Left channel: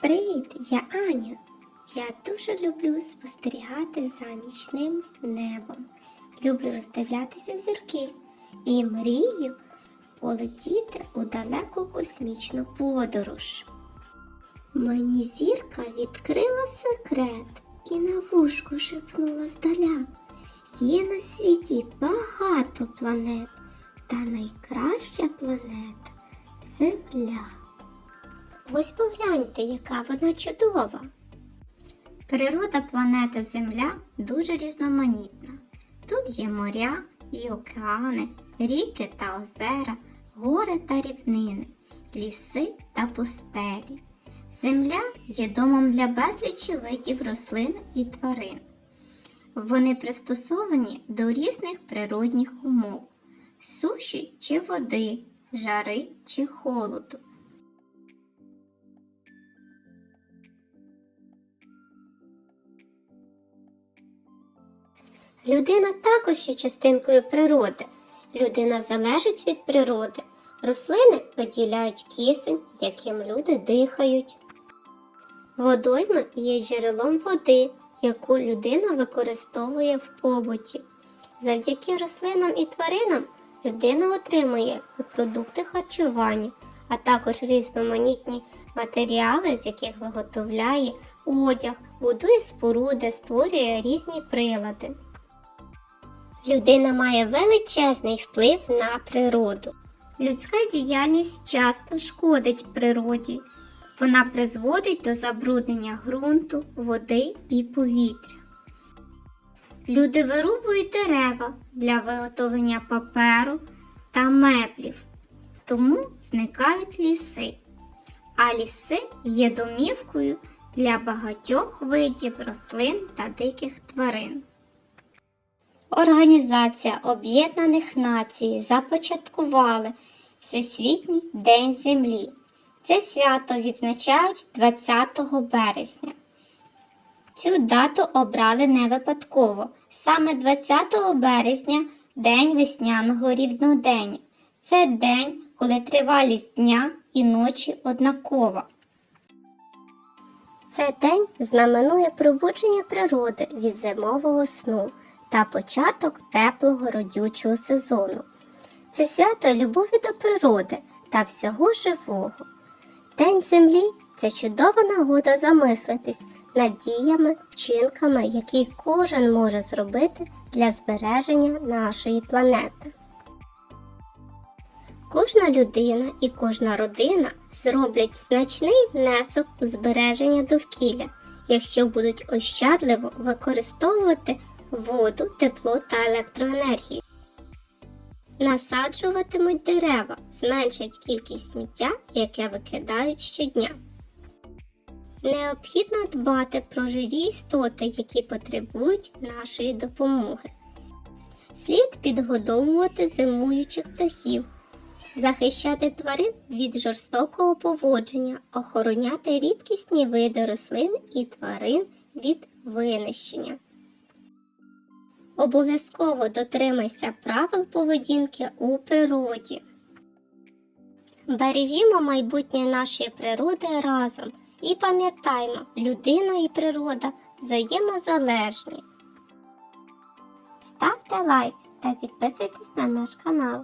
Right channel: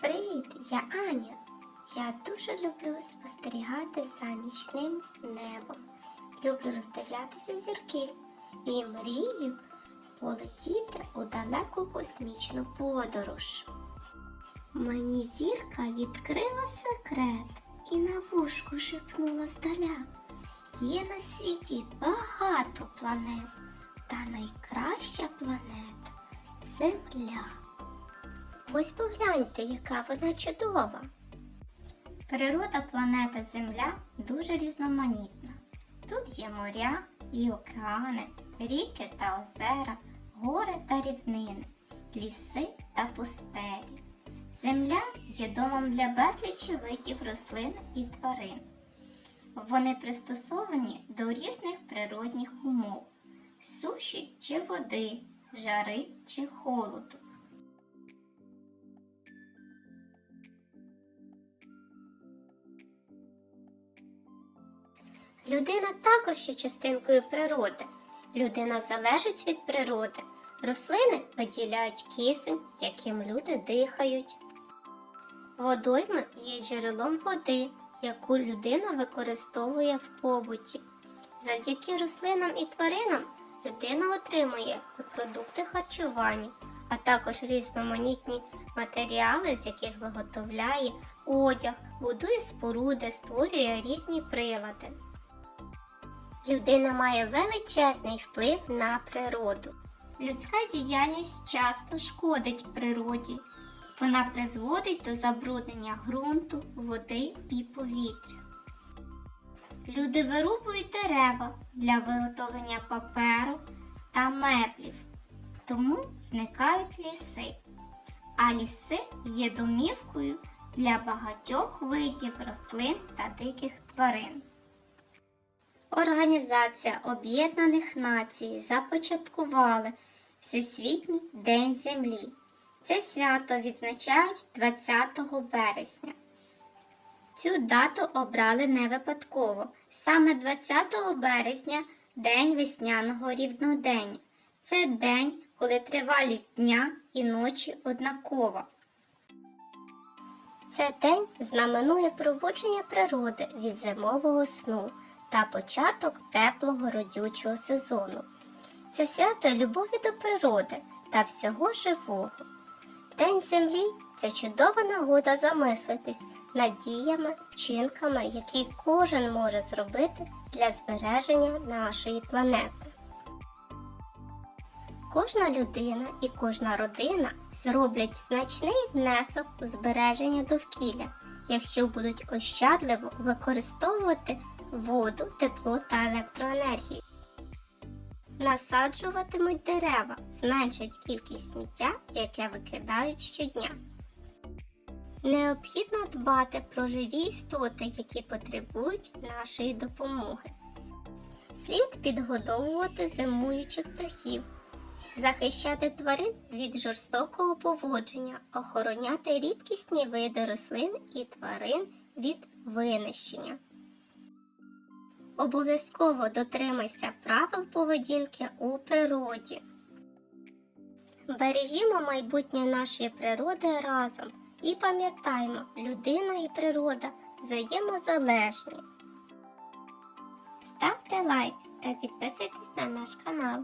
Привіт, я Аня. Я дуже люблю спостерігати за нічним небом. Люблю роздивлятися зірки і мрію полетіти у далеку космічну подорож. Мені зірка відкрила секрет і на вушку шепнула здаля. Є на світі багато планет, та найкраща планета Земля. Ось погляньте, яка вона чудова. Природа планети Земля дуже різноманітна. Тут є моря і океани, ріки та озера, гори та рівнини, ліси та пустелі. Земля є домом для безлічі видів рослин і тварин. Вони пристосовані до різних природних умов суші чи води, жари чи холоду. Людина також є частинкою природи. Людина залежить від природи. Рослини виділяють кисень, яким люди дихають. Водойма є джерелом води, яку людина використовує в побуті. Завдяки рослинам і тваринам людина отримує продукти харчування, а також різноманітні матеріали, з яких виготовляє одяг, будує споруди, створює різні прилади. Людина має величезний вплив на природу. Людська діяльність часто шкодить природі. Вона призводить до забруднення ґрунту, води і повітря. Люди вирубують дерева для виготовлення паперу та меблів, тому зникають ліси. А ліси є домівкою для багатьох видів рослин та диких тварин. Організація Об'єднаних Націй започаткували Всесвітній День Землі. Це свято відзначають 20 березня. Цю дату обрали не випадково. Саме 20 березня День весняного рівнодення. Це день, коли тривалість дня і ночі однакова. Це день знаменує пробудження природи від зимового сну та початок теплого родючого сезону. Це свято любові до природи та всього живого. День землі це чудова нагода замислитись над діями, вчинками, які кожен може зробити для збереження нашої планети. Кожна людина і кожна родина зроблять значний внесок у збереження довкілля, якщо будуть ощадливо використовувати воду, тепло та електроенергію. Насаджуватимуть дерева, зменшать кількість сміття, яке викидають щодня. Необхідно дбати про живі істоти, які потребують нашої допомоги. Слід підгодовувати зимуючих птахів, захищати тварин від жорстокого поводження, охороняти рідкісні види рослин і тварин від винищення. Обов'язково дотримайся правил поведінки у природі. Бережімо майбутнє нашої природи разом і пам'ятаймо, людина і природа взаємозалежні. Ставте лайк та підписуйтесь на наш канал.